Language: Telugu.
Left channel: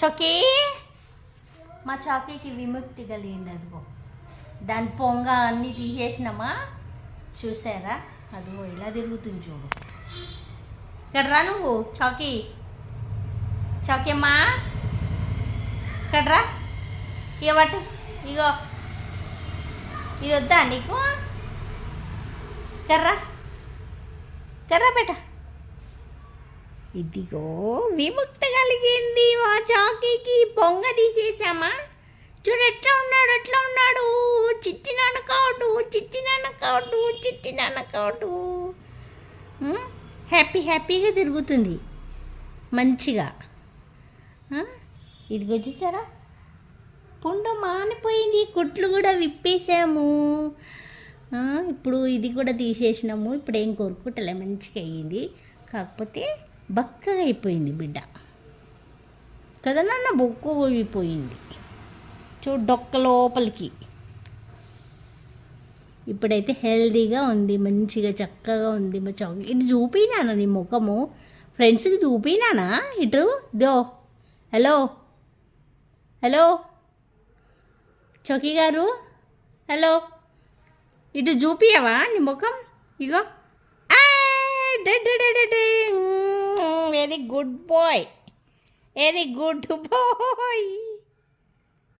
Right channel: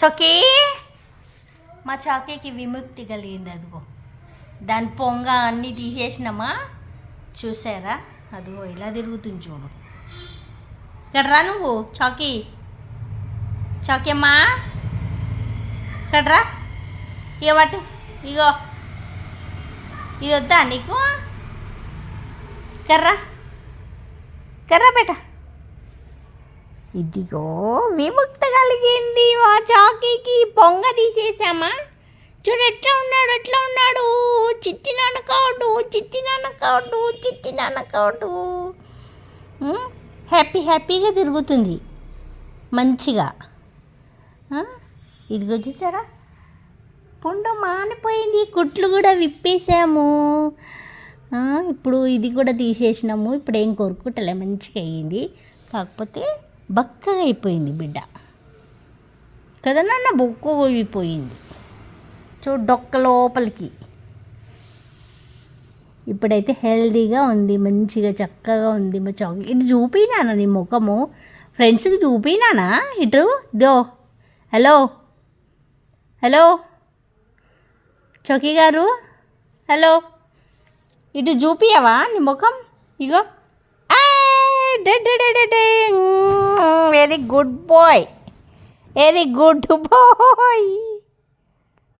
చొక్కి మా చాకీకి విముక్తి కలిగింది. అదిగో దాని పొంగ అన్నీ తీసేసినామా, చూసారా? అదిగో ఇలా తిరుగుతుంది చూడు. ఇక్కడ రా నువ్వు చాకీ, చాకీమ్మా ఇక్కడ రా. ఇక పట్టు, ఇగో ఇది వద్దా నీకు? కర్రా కర్రా బేట. ఇదిగో విముక్తి కలిగింది మా చాకీకి. పొంగ తీసేసామా, చూడు ఎట్లా ఉన్నాడు, ఎట్లా ఉన్నాడు. చిట్టి నాన్నకాడు, చిట్టి నాన్నకాడు, చిట్టి నాన్నకాడు. హ్యాపీగా తిరుగుతుంది మంచిగా. ఇదిగో చూసారా, పుండు మానిపోయింది, కుట్లు కూడా విప్పేసాము. ఇప్పుడు ఇది కూడా తీసేసినాము. ఇప్పుడు ఏం కొరుకుటలే, మంచిగా అయ్యింది. కాకపోతే బక్కగా అయిపోయింది బిడ్డ కదా నాన్న, బొక్క పోయిపోయింది చూడు డొక్క లోపలికి. ఇప్పుడైతే హెల్దీగా ఉంది, మంచిగా చక్కగా ఉంది. మా చాకీ ఇటు చూపినానా నీ ముఖము ఫ్రెండ్స్కి చూపినానా? ఇటు దో. హలో హలో చౌకీ గారు, హలో ఇటు చూపియవా నీ ముఖం? ఇగో very good boy, very good bye.